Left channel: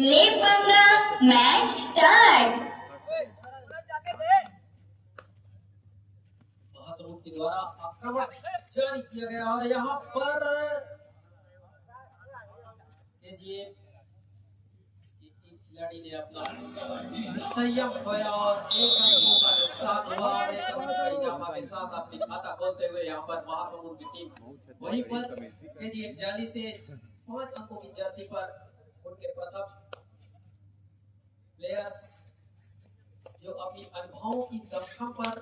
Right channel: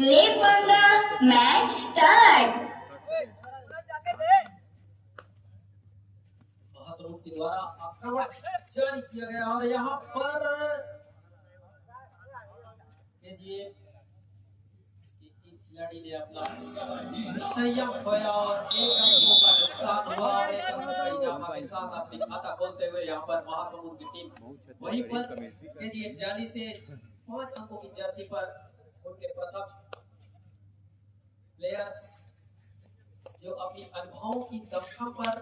ले पंगा match start. Mahasamund के द्वारा आक्रमण जारी किया गया और यहाँ पर खिलाड़ी ने अपना संयम खोया और एक रन का नुकसान हुआ और एक रन का इजाफा के साथ अपनी खाता खोलते हुए यहाँ पर महासमुंद की टीम वहीं पर केजीएफ जाली से 5 अंकों की जर्सी पर उनके प्रथम प्लेयर्स जो अपनी अनुभवों की दमखम पर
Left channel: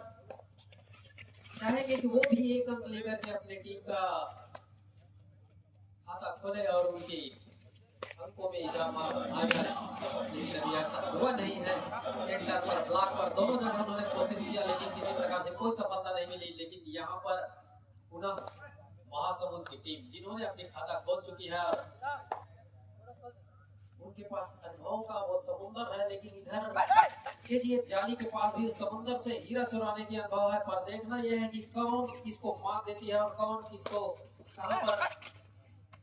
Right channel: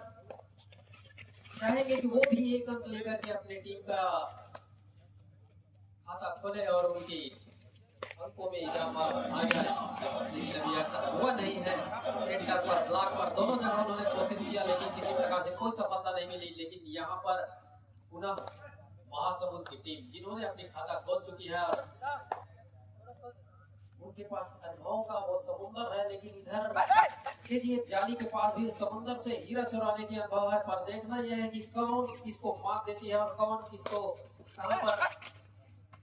चाहेंगे कि वो भी एक अंक लेकर के अपनी टीम का खाता खोले और उनकी अंकों में इजाफा आ जाए, लेकिन अभी ऐसा हुआ नहीं है। सेंटर पर ब्लॉक पर दोनों जगह उन्होंने कोशिश किया लेकिन किसी प्रकार से कोई सफलता नहीं मिली। लेकिन यहाँ पर पुनः महासमुंद की टीम जिन्होंने अपनी खाता खोल चुकी है और उनके पास अनुभवों का वो समुंदर है, लेकिन इधर केजीएफ जाली के पास भी उस समुंदर से हीरा चुराने की अनुभव है। पर देखना यह है कि कौन किसको मात देती है और कौन किसको कहां पर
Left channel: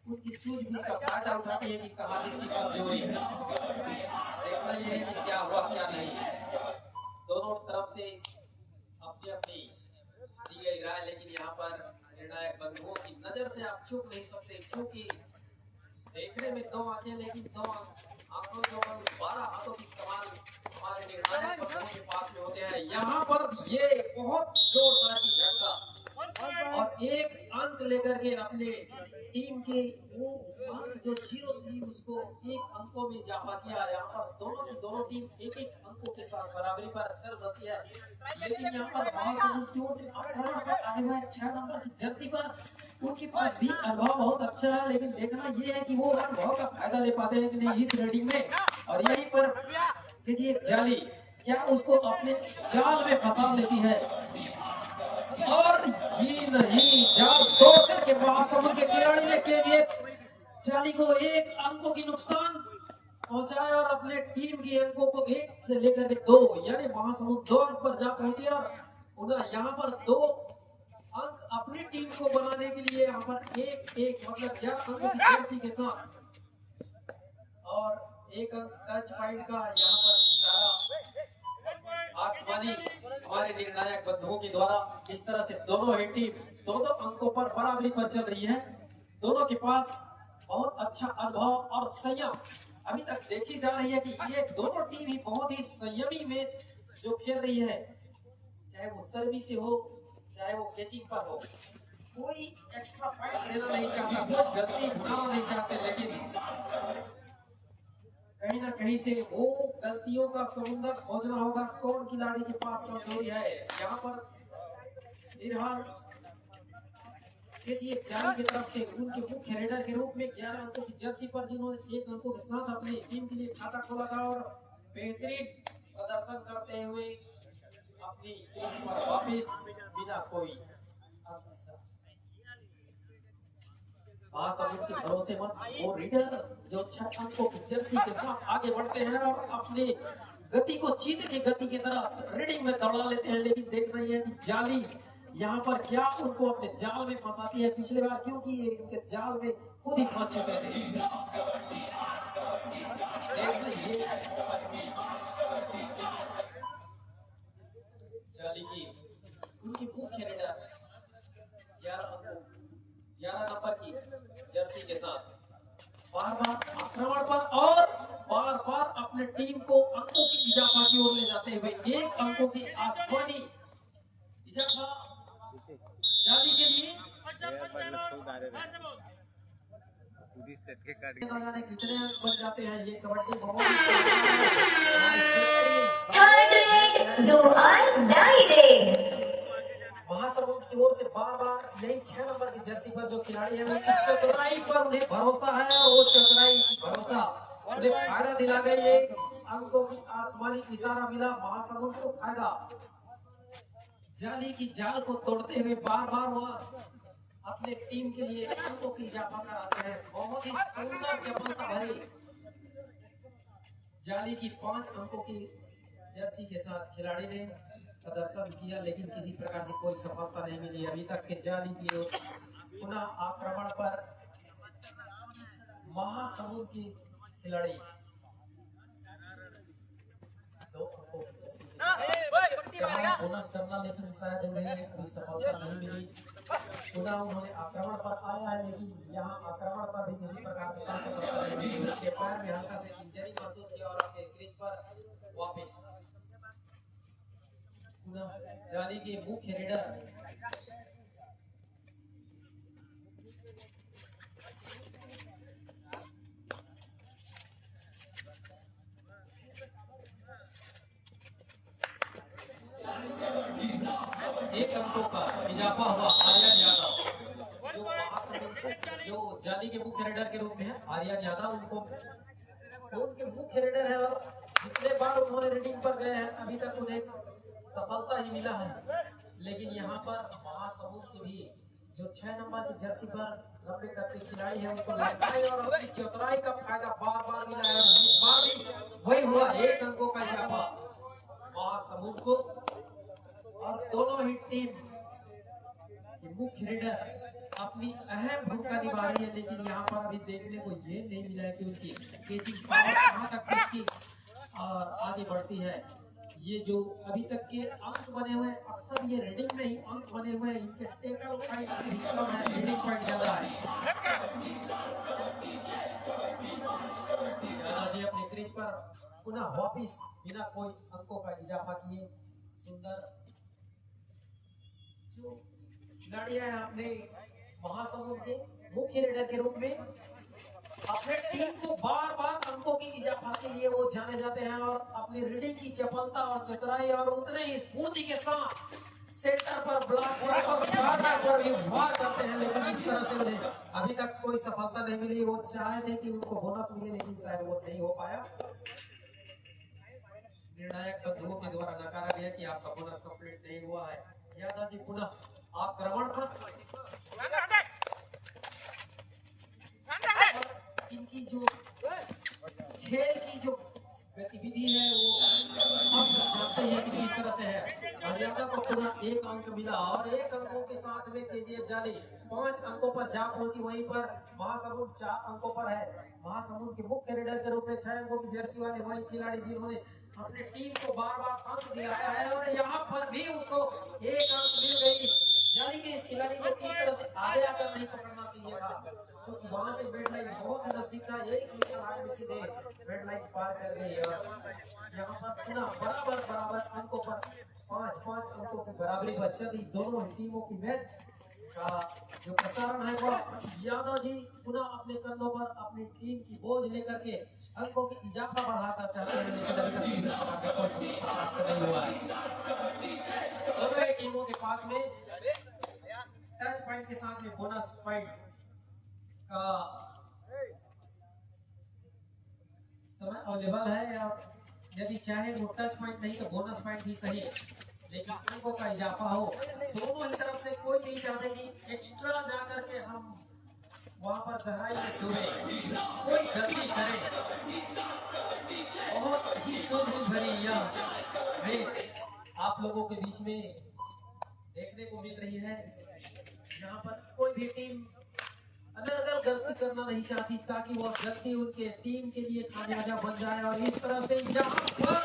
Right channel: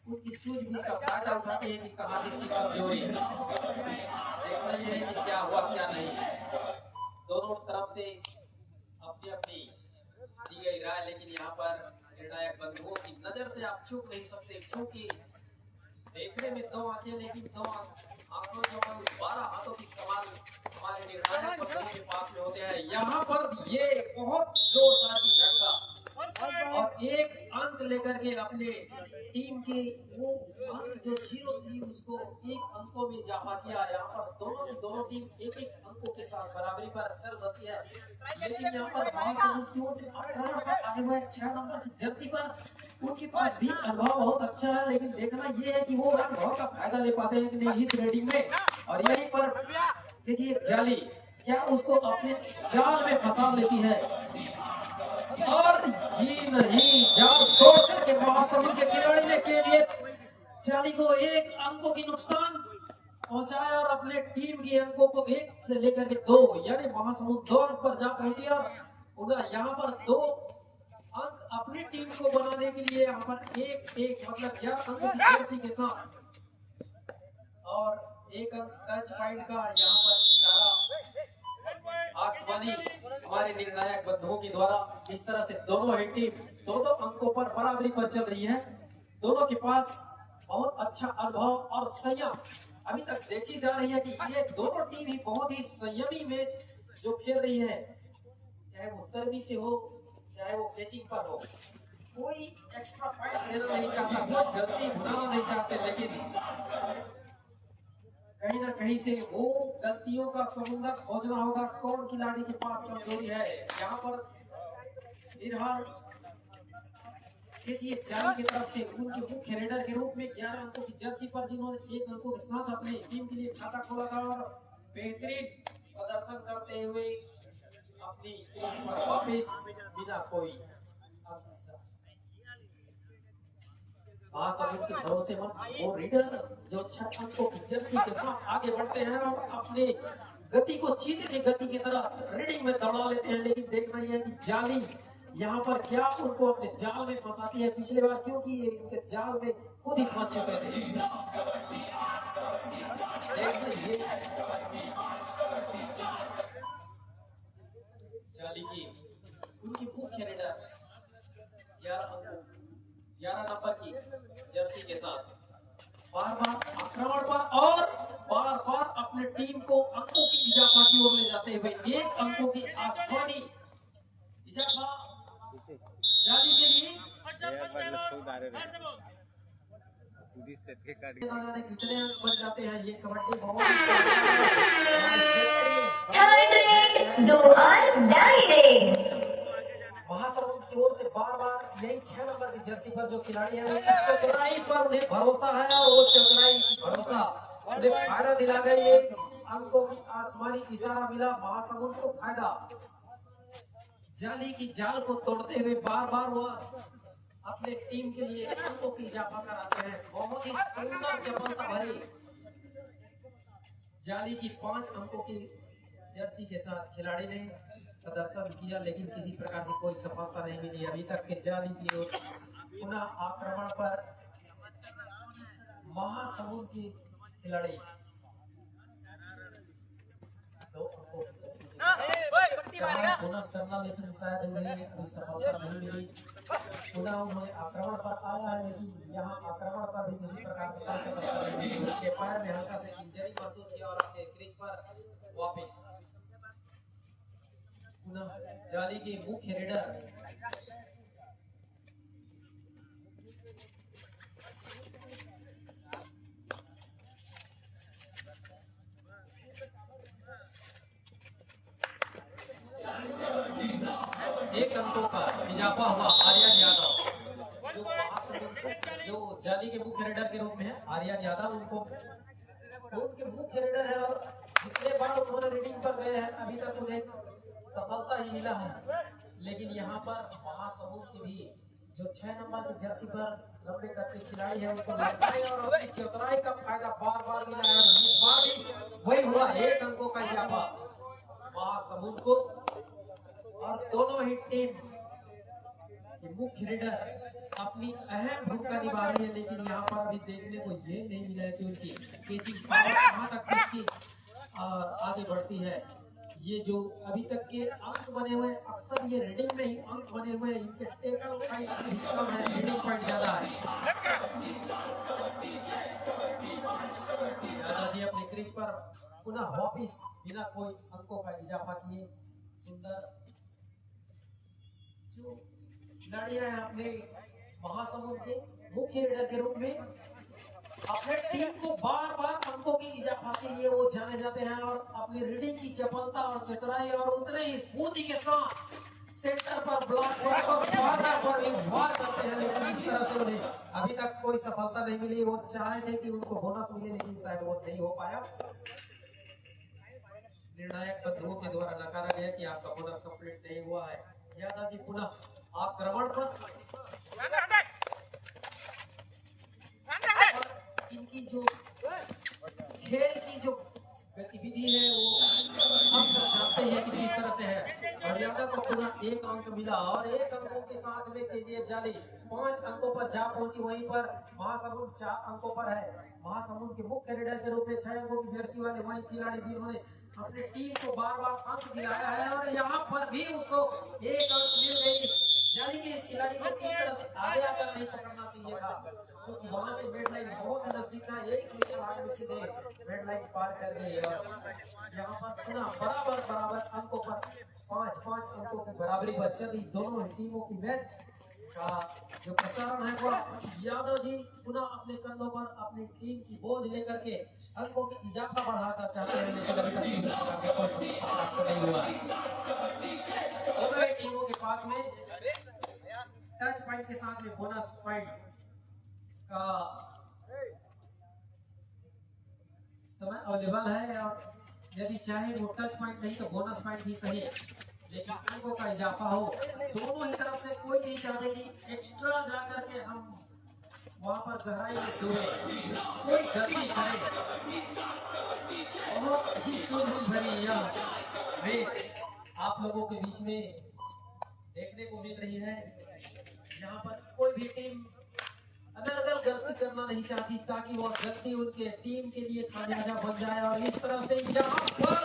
उनकी सूझबूझ का फायदा उठाती है कि कहां किसकी कमजोरी है। देखना यह है कि क्या हुआ क्या नहीं। दोनों तरफ से अपनी अपनी दी गई राय, लेकिन यहाँ पर निर्णायक बंधुओं की नजर से आप चूक नहीं सकते, क्योंकि देखने में 2 आंखें लेकिन 2 आंखों जो 12 हाथों की कमाल हमारे निर्णायक बंधुओं के पास में होते हैं। यहाँ पर ये बहुत जोरदार की झटका और एक अंक लेकर के अपने टीम के वो अंक जो 0 थी उसको 1 अंकों में इजाफा किया। यहाँ पर दोनों की दोनों टीम 1-1 अंकों के साथ बराबरी पर चल बसी है। लेकिन यहाँ पर महासमुंद की ओर से आक्रमण पर आए हुए 6 नंबर की जर्सी पर उनके पास भी अनुभव बहुत अच्छा है, लेकिन देखना ये है कि वो अनुभव का फायदा ले पाते हैं कि नहीं इस रेडिंग में। और यहीं पर केजीएफ जाली क्या उसको अपने जाल में फंसा लेती है और ये नहीं जाल तोड़ करके महासमुंद के खिलाड़ी ने केजीएफ जाली को 1 अंकों की नुकसान पहुंचाया और अपने टीम की अंकों को 1 से लेकर के 2 यानी महासमुंद 2 अंक पर जा पहुंचे और उन्हें यहाँ पर 2 अंक अपनी टीम को बनाने के लिए यहाँ पर 1-1 मतलब 11 अंकों की जर्सी के साथ और 1 अंक टच पॉइंट का यहाँ पर इशारा आसमानी हमारे निर्णायक बंधुओं के द्वारा इस तरह से दोनों ही टीम 2-2 अंकों पर बराबरी पर चल रही है। दोनों के पास बहुत अच्छा अनुभव और संयम अभी तक देखी जा रही है कि ये दोनों टीम ही बहुत ही संयमी मैच जो खेल रही है, चाहे वो सर्विस से हो चाहे वो कैचिंग पर हो। कोई एक्स्ट्रा फाइट लेना नहीं चाहता, कोई गलती बनाना नहीं चाहते, लेकिन कहीं ना कहीं से वो गलतियों का समुंदर खोजना होगा। कौन खिलाड़ी के पास कमजोरी है। यहाँ पर फिलहाल केजीएफ जाली की तरफ से उनके मुख्य रेडर के रूप में 11 अंकों की जर्सी पर जिन्होंने 1 अंकों के साथ अपनी टीम के लिए खाता खोला था और बेहतरीन प्रदर्शन करते हुए अपनी टीम पर वापस बिना कोई महासमुंद के भरोसेमंद वो रीडर जो 6 अंकों की जर्सी के साथ आगे बढ़ते हैं और अपने गति को चीते की गति की तरह रीडिंग में दौड़ा लेते हैं। लेकिन देखना यह है कि जाली यहाँ पर क्या उनको अपने जाल में फंसाती है। पिछले बार क्योंकि ये उनके जाल में खुद ही फंस चुके थे। जाली की उनकी मुख्य रीडर 11 नंबर की जर्सी के साथ बार-बार आक्रमण पर और बार-बार अपने टीम को अंकों की इजाफा की ओर ले जाते हुए 1 अंकों की आसमानी इजाफा जाली के लिए कितने अंक बन जाते हैं। ये कबड्डी बहुत महासमुंद की ओर से बार-बार यही 6 नंबर की जर्सी पर जो खिलाड़ी है उनकी चतुराई पर उन्हें भरोसा है और वो चतुराई भरोसा उन्हें फायदा दिला गई। ये अंकों की आसमानी इशारा मिला महासमुंद को फायदा। जाली की जाल को तोड़ते हुए बार-बार वह अपने टीम के लिए अंकों की इजाफा कराते हैं। बहुत ही सुंदर चपलता भरी जाली की 5 अंकों की जर्सी के साथ खिलाड़ी ने प्रदर्शन किया, लेकिन किसी प्रकार से कोई सफलता नहीं मिली अभी तक के जाली की ओर। पुनः आक्रमण पर महासमुंद की खिलाड़ी 2 अंकों की जर्सी चाहे बोनस करना, लेकिन शायद उन्हें अभी सफलता नहीं मिली। पुनः उन्होंने आक्रमण पर आया है, लेकिन यहाँ आक्रमण पर भी किसी प्रकार से कोई सफलता नहीं मिली। उनके पैर में हल्का से इंजरी महसूस किया और अपने क्रीज पर वापस पुनः जाली के मुख्य रेडर एक अंकों का इजाफा हुआ आर्यन यादव, जो जाली के मुख्य रेडर के रूप में है। आर्यन यादव उनके मुख्य रेडर है और जितने बार उन्होंने रीडिंग पर गए हैं अभी तक उन्हें सफलता ही मिला है। लेकिन यहाँ पर महासमुंद के भी जो 6 नंबर की जर्सी पर लंबे करते खिलाड़ी है उनको लड़ाई और अपनी चतुराई का फायदा बार बार मिला है। इस बार भी वही हुआ, 1 अंकों का इजाफा महासमुंद को। और दोनों ही टीम के मुख्य रेडर अपनी अहम भूमिका निभा रही है, लेकिन यहाँ पर अभी देखने को ये नहीं मिला है कि उनकी कैचिंग कहाँ तक उसकी आगे बढ़ती है। ये जो अभी तक के अंक बने हुए हैं, अक्सर ये रीडिंग में ही अंक बने हुए हैं, इनके टेकल पॉइंट है, रीडिंग पॉइंट ज्यादा है। दादाजी अपने क्रीज पर पुनः वापिस बिना कोई अंकों का इजाफा किए सुंदर जो खिलाड़ी है अपने महासमुंद के मुख्य रेडर के रूप में अपने टीम को बार बार अंकों की इजाफा के लिए वो जाने जाते हैं और अपनी रीडिंग की चपलता और चतुराई और उतने ही स्फूर्ति के साथ सेंटर पर ब्लॉक पर भी वार करते हैं। लेकिन इस तरह से उन्हें अभी तक कोई सफलता नहीं मिली। वो चाहे थे कि उनको बोनस मिले, लेकिन शायद वो नहीं हो पाया। निर्णायक बंधुओं के द्वारा नकारा गया कि आपका बोनस कंप्लीट नहीं हुआ है। यादव जी पुनः आक्रमण पर इनकी जो खेल की जो गतिविधि है वो हम सब जानते हैं कि किस तरह से है। और यादव को पुनः 1 अंक मिला और 1 अंकों के साथ में केजीएफ जाली 5 अंकों पर जा पहुंची। वहीं पर महासमुंद 4 अंकों पर है। महासमुंद के मुख्य रेडर के रूप में 6 अंकों की जर्सी वाले वही खिलाड़ी जिन्होंने अपनी टीम को बार बार अंक दिलाया है और यहाँ पर भी उसको 1 अंक मिल गई। जाली के इस खिलाड़ी को किस तरह से आगे आकर नहीं पकड़ना चाहिए था, क्योंकि वहां से बेड लाइन बहुत नजदीक था। एक मिशन आगे में सीधे बेड लाइन पार कर गई और यहाँ पर पुनः बराबर अंकों पर 5 अंकों की बराबरी पर चल रही दोनों टीमों की मैच का जो प्रसारण है वो यादव जी पुनः अपने कंधों पर अपनी टीम की बोझ लेकर के अंकों की इजाफा बढ़ाना चाहते हैं, लेकिन अभी तक नहीं हुआ है। दोनों ही टीमों के पास में टच पॉइंट के साथ में बोनस पॉइंट का समय अवेलेबल है और यदि चाहे वो टच पॉइंट नहीं तो बोनस पॉइंट भी सही, लेकिन अंकों का इजाफा हो। दोनों ही तरफ से कोई नहीं चाहते कि एक्स्ट्रा जाकर के हम वहां पर गहराई में छूए, कोई गलती करे। बहुत ही सूझबूझ भरी यह आप लोगों के बीच में देखने को मिल रही है। यहाँ पर कोई भी टीम अगर गलती करना नहीं चाहती ताकि वो गलती उनके टीम के लिए खामियाजा बन जाए। और इस तरह से यहाँ पर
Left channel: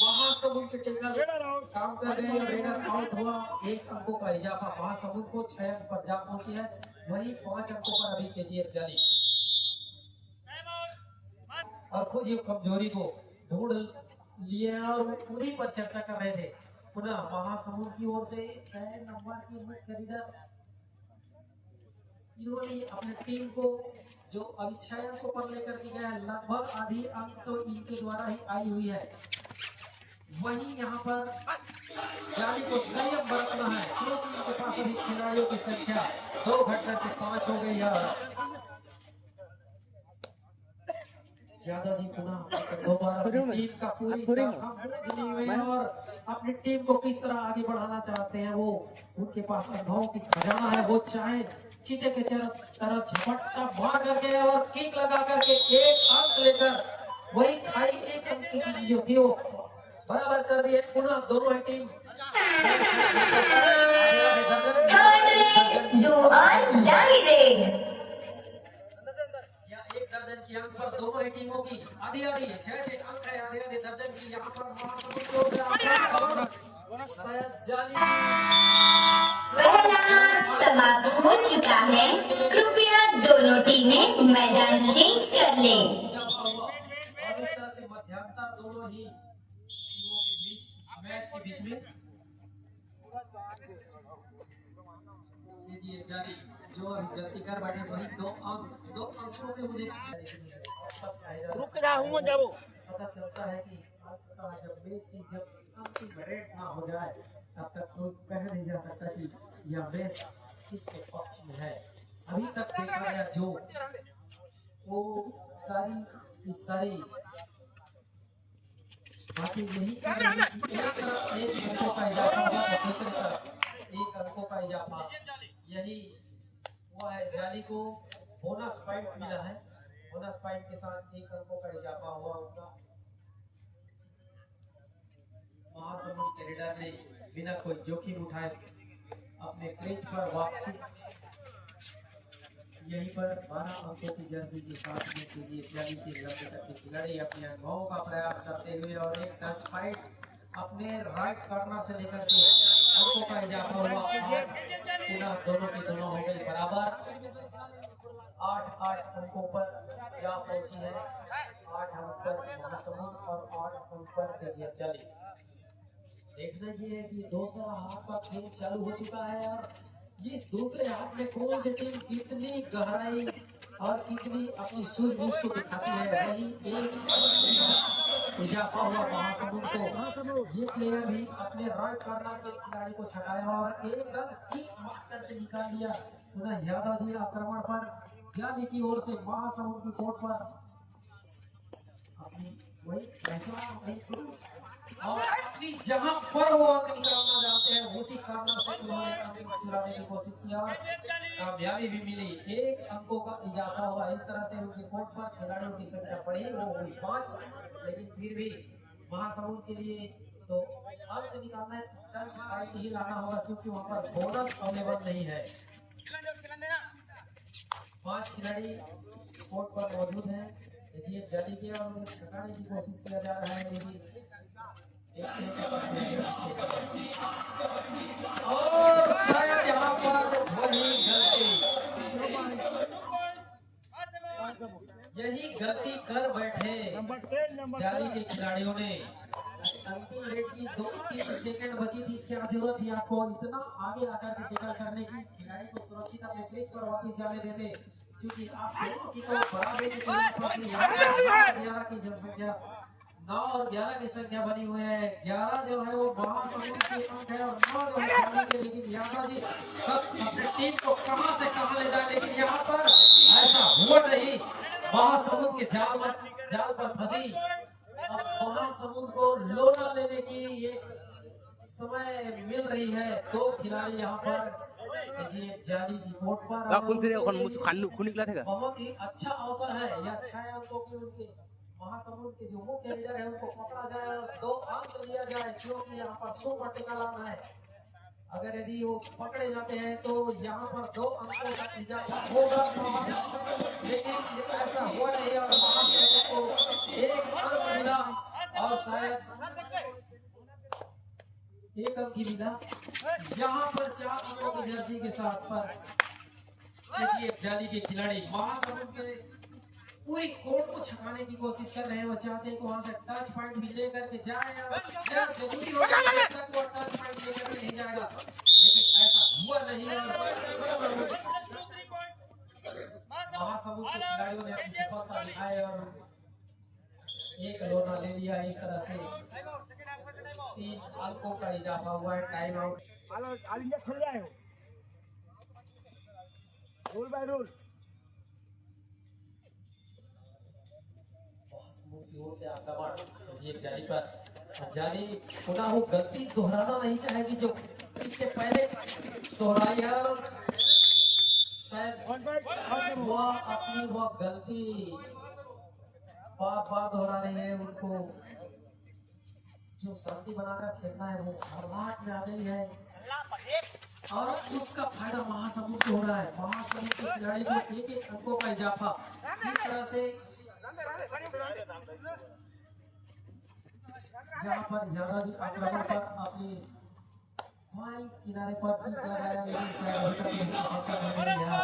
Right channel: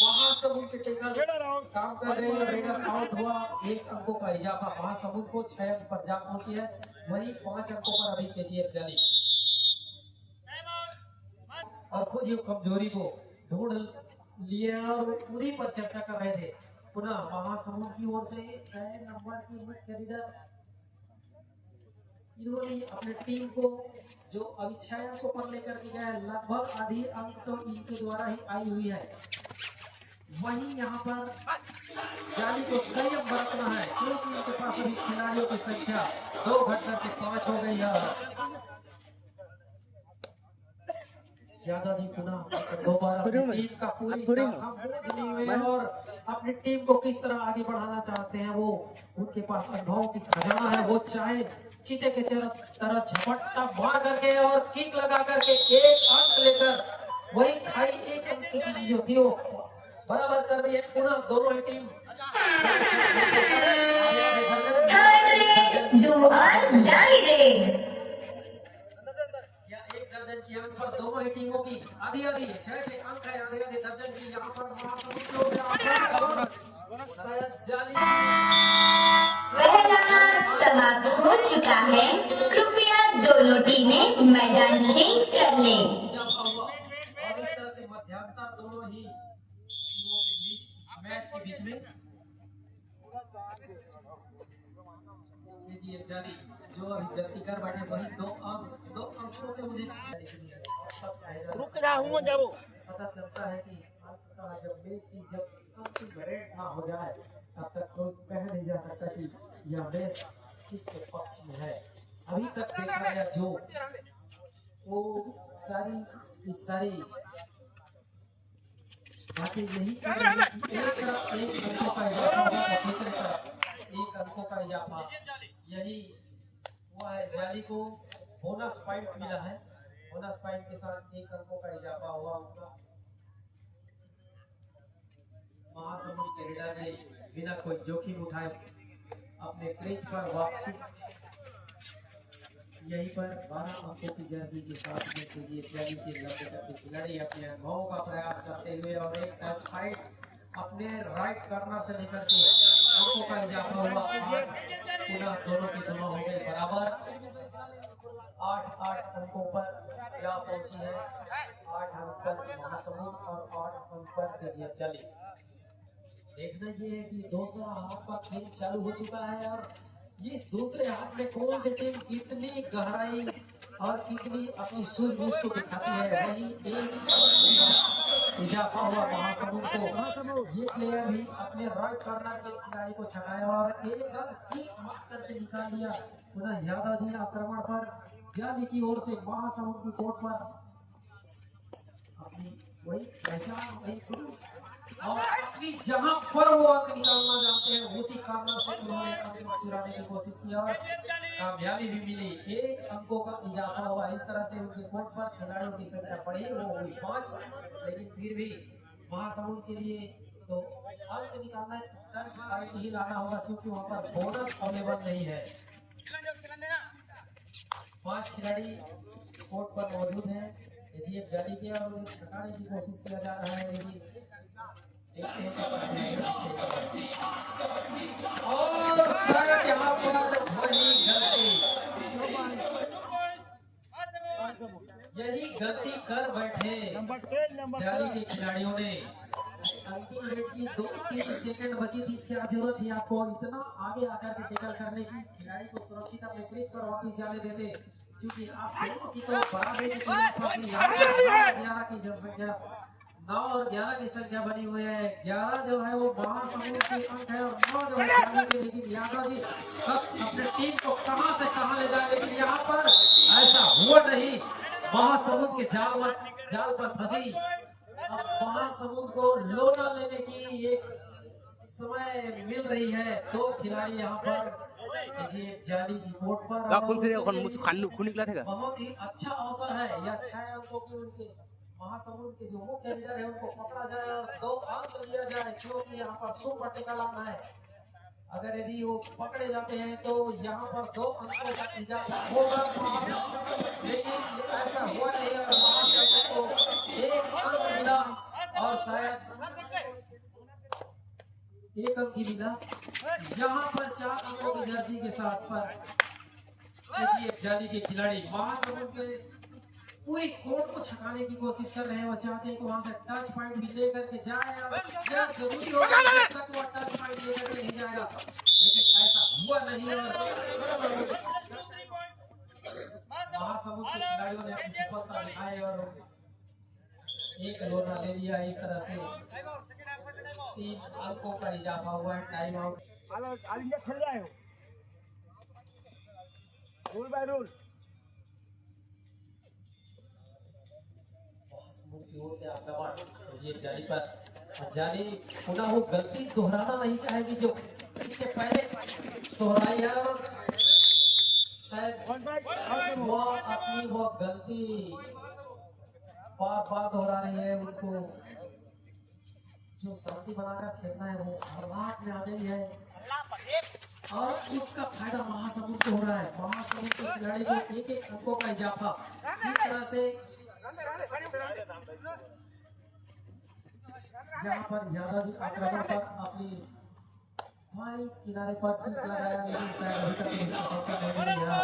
महासमुंद के टेकल काम कर रहे हैं और रेडर आउट हुआ। 1 अंकों का इजाफा महासमुंद को 6 अंक पर जा पहुंची है, वही 5 अंकों पर अभी केजीएफ जाली और खुद ही कमजोरी को ढूंढ लिए और वो उन्हीं पर चर्चा कर रहे थे। पुनः महासमुंद की ओर से 6 नंबर की मुख्य रेडर इन्होंने अपने टीम को जो अभी 6 अंकों पर लेकर के गया, लगभग आधी अंक तो इनके द्वारा ही आई हुई है। वहीं यहाँ पर जाली को संयम बरतना है, क्योंकि इनके पास अभी खिलाड़ियों की संख्या 2 घट करके 5 हो गई है। यादव जी पुनः दोबारा टीम का पूरी हुई और अपनी टीम को किस तरह आगे बढ़ाना चाहते हैं। वो उनके पास अनुभव की खजाना है। वो चाहे चीते के तरह झपट्टा मार करके और किक लगा करके 1 अंक लेकर वही खाई 1 अंक की जो थी वो बराबर कर दी है। पुनः दोनों ही टीम थर्ड रेड, 2 और डाई रेड। या 1 दर्जन दर्जन की अंक पर दोनों ही टीमों की आधी आधी 6 अंक है, आधे आधे दर्जन की यहाँ पर शायद जाली पहला हाथ समाप्त हो चुका है। कृपया दोनों टीमें मैदान चेंज कर लें। इजाफा हुआ और इस तरह से मध्यांतर दोनों ही टीमों के बीच मैच के बीच में ये जाली जो अभी गलती कर बैठे वही दो अंकों से मुझे पता चलता है कि जब मैच की जब अंतिम रेड ना हो जाए तब तक कोई कह नहीं जा सकता कि यह मैच किसके पक्ष में है। अभी तक देखा गया जो वो सारी की सारी बातें यही कह रही है कि एक तरफ एक अंकों का इजाफा हुआ और दूसरी तरफ एक अंकों का इजाफा, यही हुआ है। जाली को बोनस पॉइंट मिला है, बोनस पॉइंट के साथ एक अंकों का इजाफा हुआ उनका। महासमुंद के रेडर ने बिना कोई जोखिम उठाए अपने क्रीज पर वापसी, यहीं पर 12 अंकों की जर्सी के साथ में केजीएफ जाली के लक्ष्य तक के खिलाड़ी अपने अनुभवों का प्रयास करते हुए और एक टच फाइट अपने राइट कॉर्नर से लेकर के अंकों का इजाफा हुआ। पुनः दोनों की दोनों हो गई बराबर, 8 अंकों पर जा पहुंची है। 8 अंक पर महासमुंद और 8 अंक पर केजीएफ जाली। देखना ये है कि दूसरा हाथ का खेल चालू हो चुका है और इस दूसरे हाथ में कौन सी टीम कितनी गहराई और कितनी अपनी सूझबूझ को दिखाती है। वही इजाफा हुआ महासमुंद को, ये प्लेयर भी अपने राइट कॉर्नर के खिलाड़ी को छकाया और एक रन किक मार करके निकाल दिया। पुनः यादव जी आक्रमण पर जाली की ओर से महासमुंद की कोर्ट पर अपनी वही पहचान वही और अपनी जहां पर वो अंक निकालना जानते हैं उसी कॉर्नर से उन्होंने अंक चुराने की कोशिश की और कामयाबी भी मिली। 1 अंकों का इजाफा हुआ। इस तरह से उनके कोर्ट पर खिलाड़ियों की संख्या बढ़ी, वो हुई 5, लेकिन फिर भी महासमुंद के लिए तो अंक निकालना टच फाइट ही लाना होगा क्योंकि वहां पर बोनस अवेलेबल नहीं है। 5 खिलाड़ी कोर्ट पर मौजूद हैं केजीएफ जाली के और उन्हें छकाने की कोशिश किया जा रहा है, लेकिन और शायद यहाँ पर वही गलती, यही गलती कर बैठे जाली के खिलाड़ियों ने। अंतिम रेड की 2-3 सेकंड बची थी, क्या जरूरत थी आपको इतना आगे आकर के टैकल करने की, खिलाड़ी को सुरक्षित अपने क्रीज पर वापस जाने देते, क्योंकि आप दोनों की तो बराबरी की 11 की जनसंख्या 9 और 11 की संख्या बनी हुई है। 11 जो है वो महासमुंद की अंक है और 9 जो है जाली के। लेकिन यादव जी कब अपने टीम को कहां से कहां ले जाए, लेकिन यहाँ पर ऐसा हुआ नहीं। महासमुंद के जाल पर फंसी। अब महासमुंद को लोना लेने की एक समय मिल रही है। 2 खिलाड़ी यहाँ पर जाली की कोर्ट पर बहुत ही अच्छा अवसर है। यह 6 अंकों की उनके महासमुंद के जो मुख्य लीडर है उनको पकड़ा जाए और 2 अंक लिया जाए, क्योंकि यहाँ पर सुपर टेकल आना है। अगर यदि वो पकड़े जाते हैं तो यहाँ पर 2 अंकों का इजाफा होगा, लेकिन ऐसा हुआ नहीं और महासमुंद को 1 अंक मिला और शायद 1 अंक ही मिला। यहाँ पर 4 अंकों की जर्सी के साथ पर केजीएफ जाली के खिलाड़ी महासमुंद के पूरी कोर्ट को छकाने की कोशिश कर रहे हैं। वो चाहते हैं कि वहां से टच पॉइंट भी लेकर के जाए, जरूरी होगा जब तक वो टच पॉइंट लेकर के नहीं जाएगा, लेकिन ऐसा हुआ नहीं और महासमुंद के खिलाड़ियों ने अपनी सफलता दिखाई और 1 लोना ले लिया। इस तरह से 3 अंकों का इजाफा हुआ है। टाइम आउट जाली पर जाली पुनः वो गलती दोहराना नहीं चाहेगी जो इसके पहले दोहराई है और शायद वो अपनी वो गलती बार दोहरा रही है। उनको जो शांति बनाकर खेलना है वो हर बात में आ गई है। और उसका फायदा महासमुंद को हो रहा है। महासमुंद के खिलाड़ी को एक एक अंकों का इजाफा इस तरह से यहाँ पर यादव जी आक्रमण पर अपनी भाई किनारे पर टिक लगाया, लेकिन शायद अभी तक सफलता नहीं मिला।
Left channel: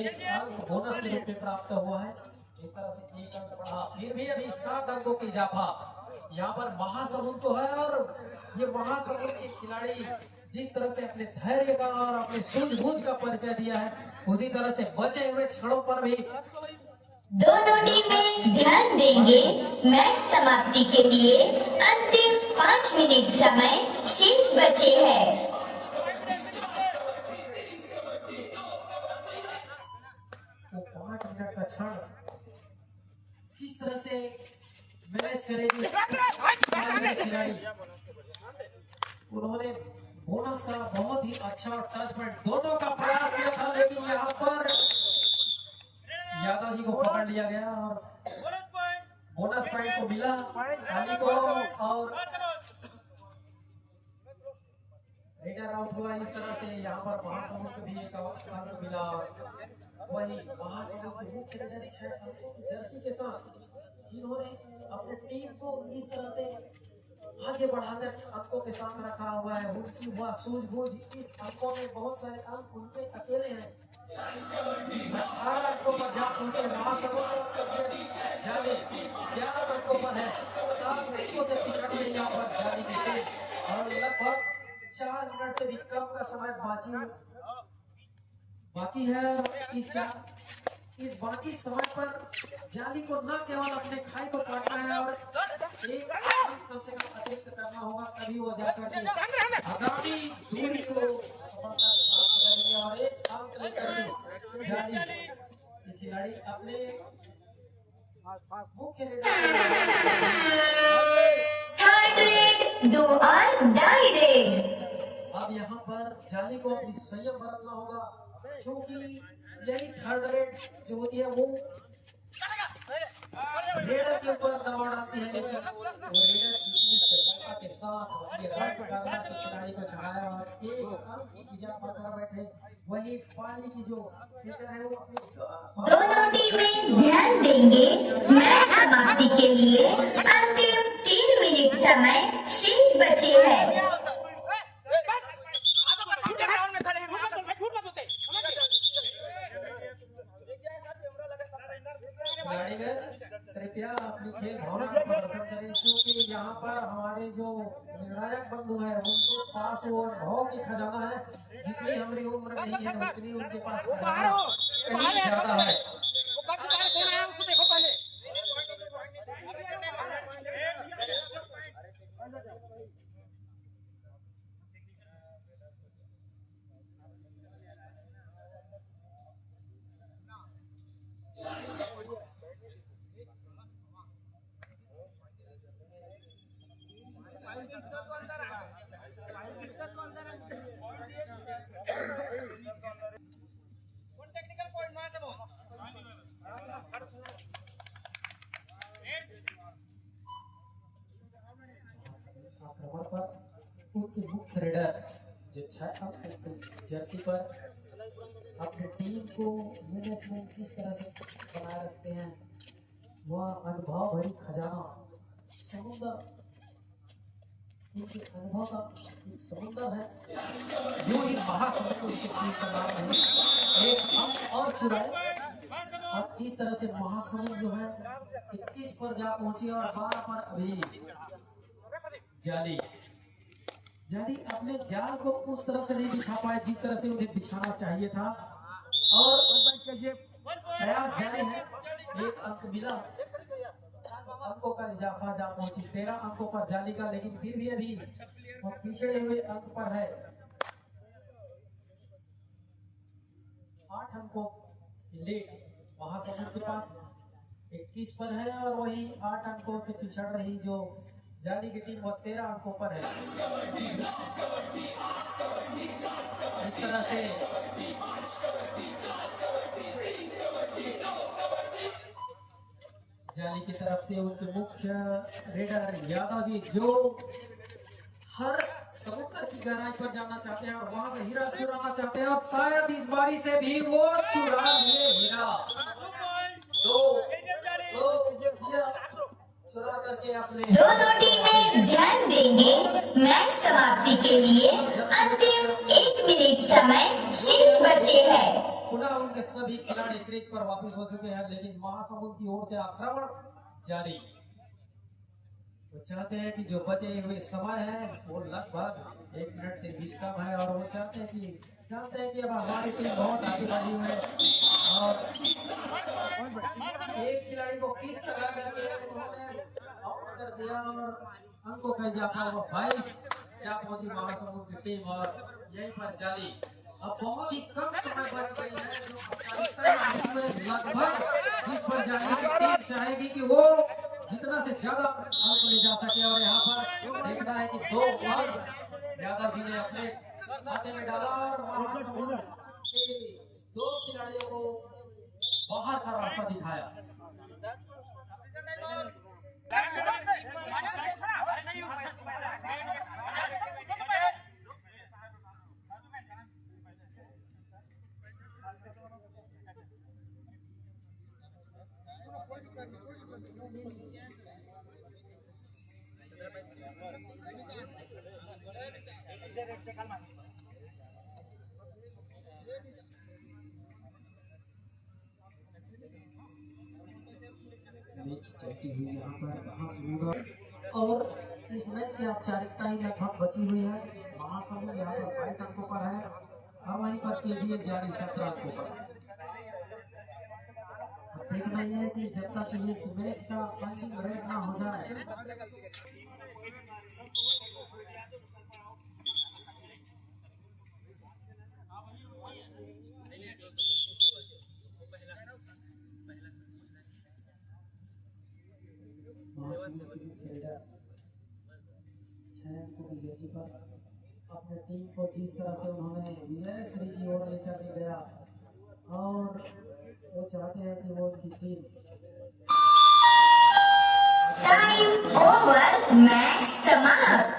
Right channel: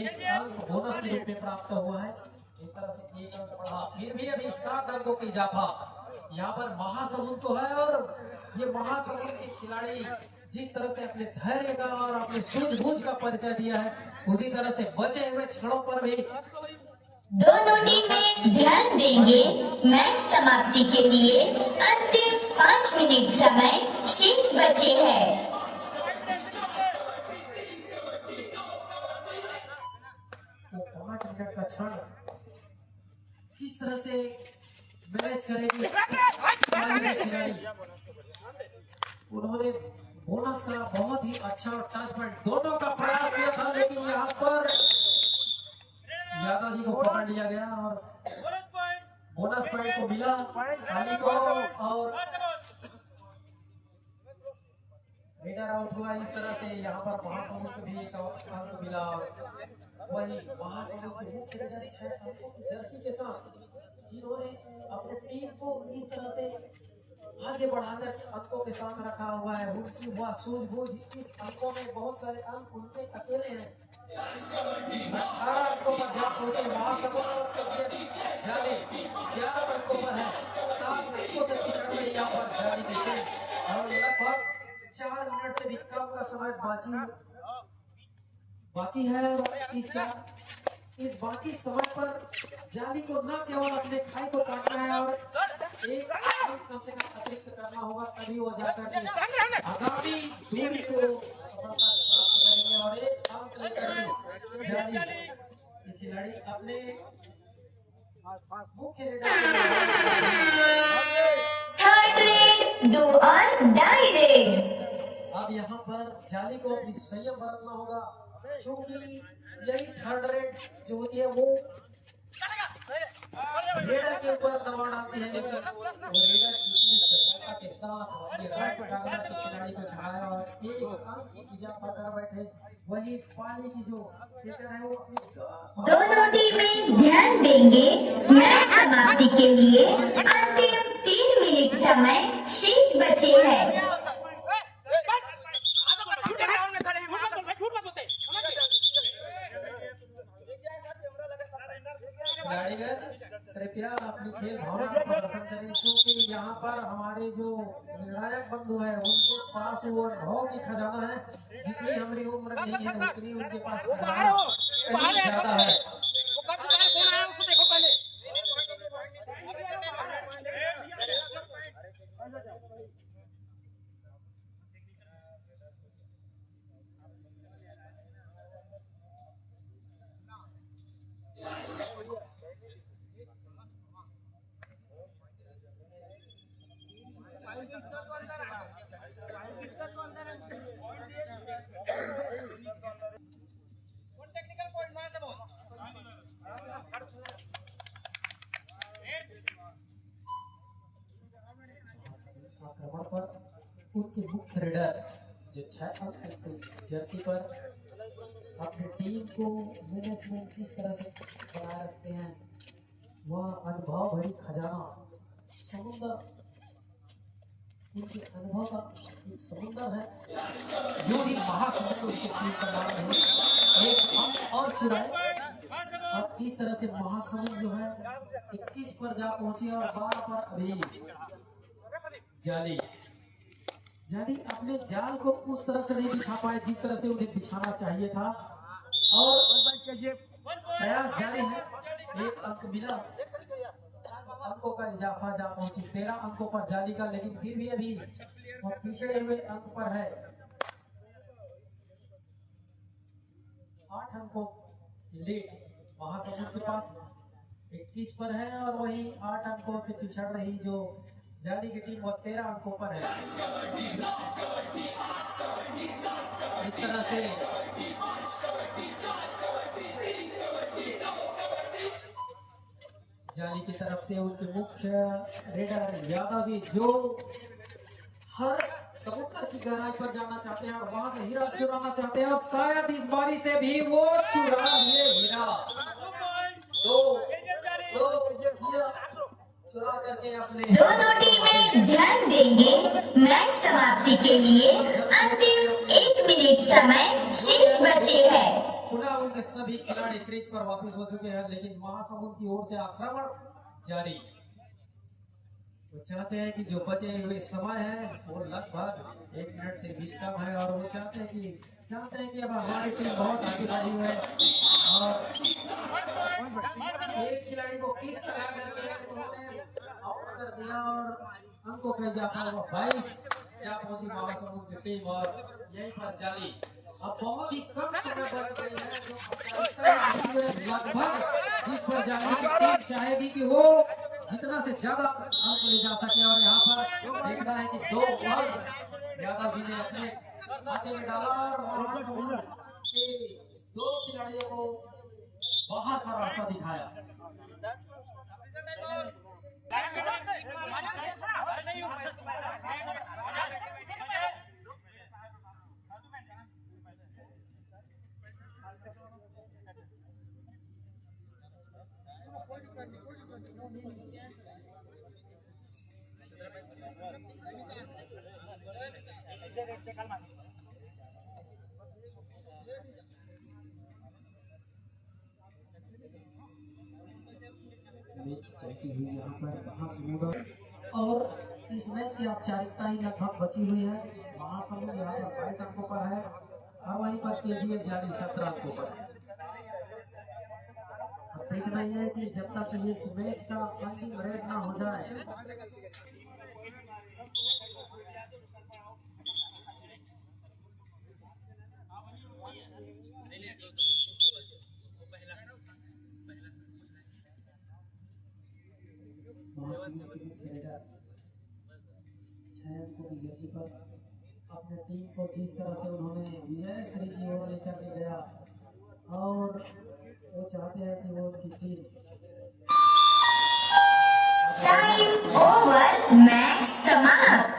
एक अंक बोनस के रूप में प्राप्त हुआ है। इस तरह से एक अंक बढ़ा, फिर भी अभी 7 अंकों का इजाफा यहाँ पर महासमुंद तो है। और ये महासमुंद के खिलाड़ी जिस तरह से अपने धैर्य का और अपने सूझबूझ का परिचय दिया है, उसी तरह से बचे हुए क्षणों पर भी दोनों टीमें ध्यान देंगे। मैच समाप्ति के लिए अंतिम 5 मिनट समय शेष बचे हैं। वो 5 मिनट का क्षण किस तरह से मैनेज करेगी खिलाड़ी। उन्होंने बोनस का बहुत ही अच्छा टच पॉइंट दोनों का प्रयास किया था, लेकिन यहाँ पर यादव जी को पकड़ लिया गया और बोनस पॉइंट को मिला अली को। और रेडर आउट हुआ। इस तरह से यहाँ पर महासमुंद को भी एक अंक मिला। वही महासमुंद के मुख्य रेडर 6 अंकों की जर्सी के साथ जिन्होंने अपने टीम को इस तरह से आगे बढ़ाकर अंकों के साथ रखा हुआ है, उनकी वह सूझबूझ। इस अंकों में बहुत सारे अंक उनके अकेले हैं। 18 अंकों पर जब पहुंचे महासमुंद जाली 11 अंकों पर है, 7 अंकों से पिछड़ रही यहाँ पर जाली की टीम। और लगभग 4 मिनट से भी कम का समय बाकी है। और इस बाकी समय पर जाली को न केवल अपने खाई को काटना है और एक कम से कम अतिरिक्त करना होगा, तभी वो जाकर के आगामी दूरी को सफलता प्राप्त करेंगे। और एक अंक लेकर के जाली खिलाड़ी अपने मुख्य थर्ड रेड, दो और डाई रेड। अब यहाँ पर जाली को संयम बरतना होगा, क्योंकि यही थर्ड रेड जो होती है वो रेडर के ऊपर दबाव डालती है, लेकिन वो रेडर इतनी चपलता के साथ अपने राइट कार्नर के खिलाड़ी को चढ़ाया और एक अंक की इजाफा कर बैठे। वही पाली की जो टीचर है वो दोनों टीमें ध्यान देंगे। मैच समाप्ति के लिए अंतिम 3 मिनट समय शेष बचे हैं। खिलाड़ीगण कृपया अपनी खेल भावना का प्रदर्शन करें, क्योंकि यहाँ पर हमारे जो निर्णायक बंधु हैं उनके पास वो अनुभव की खजाना है। जितनी हमारी उम्र नहीं है उतनी उनके पास खजाना कहीं ज्यादा है। आक्रमण पर उनके मुख्य रेडर जो 6 अंक की जर्सी पर अपनी टीम को मैनेजमेंट किस तरह से बनाए रखते हैं, वह अनुभव भरी खजाना समुद्र, उनके अनुभव का एक समुद्र है। जो भी महासमुद्र उनके टीम का नाम है, एक अंक और चुराए और इस तरह से महासमुद्र जो है 21 पर जा पहुंची और 12 पर अभी जाली अपने जाल को उस तरह से नहीं बिछा पाए जिस तरह से उन्हें बिछाना चाहिए था। और प्रयास जारी है, एक अंक मिला, अंकों का इजाफा जा पहुंची 13 अंकों पर जाली का, लेकिन फिर भी अभी वो पिछड़े हुए अंक पर है। 8 अंकों की लीड महासमुंद के पास 21 पर है और वही 8 अंकों से पिछड़ रही जो जाली की टीम वो 13 अंकों पर है। इस तरह से जाली की तरफ से उनके मुख्य रेडर यादव जी जो हर समुद्र की गहराई पर जाना चाहते हैं और वहां से हीरा चुराना चाहते हैं और शायद इस बारी से भी वो चुरा लिए हीरा। दो हीरा चुरा करके अपने दोनों टीमें ध्यान देंगे। मैच समाप्ति के लिए अंतिम 1 मिनट समय शेष बचे हैं। पुनः उनके सभी खिलाड़ी क्रीज पर वापस हो चुके हैं, लेकिन महासमुंद की ओर से आक्रमण जारी। वो चाहते हैं कि जो बचे हुए समय है वो लगभग 1 मिनट से भी कम है और वो जानते हैं कि अब हमारी टीम बहुत आगे बढ़ी हुई है और एक खिलाड़ी को किक लगा करके उन्होंने आउट कर दिया और अंकों का इजाफा हुआ 22 जा पहुंची महासमुंद की टीम और यहीं पर जाली। अब बहुत ही कम समय बच गई है जो लगभग जिस पर जाली की टीम चाहेगी कि वो जितना से ज्यादा अंक ले जा सके और यहाँ पर देखना है कि 2 अंक यादव जी ने अपने खाते में डाला और महासमुंद के 2 खिलाड़ियों को बाहर का रास्ता दिखाया। यहाँ पर महासमुंद और इस मैच की औपचारिकता ही लगभग बची हुई है। महासमुंद यहाँ पर 22 अंकों पर है और वहीं पर केजीएफ जाली 17 अंकों पर है। अब देखना यह है कि जब तक ये इस मैच का अंतिम रेड ना हो जाए अपने टीम को जिस तरह से उन्होंने विजय श्री की ओर लेकर के गया और वो चाहते हैं कि वो उनकी टीम टाइम ओवर, मैच समाप्त।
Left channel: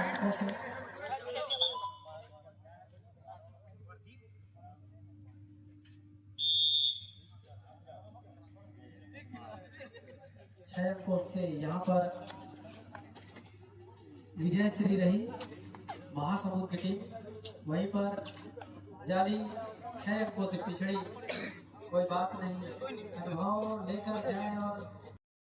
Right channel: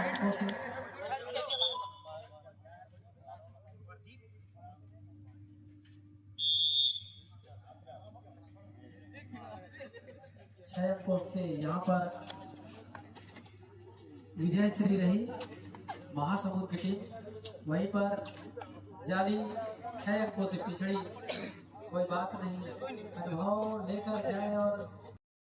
6 अंकों से यहाँ पर विजय श्री रही महासमुंद की टीम। वहीं पर जाली 6 अंकों से पिछड़ी। कोई बात नहीं, अनुभव लेकर जाए और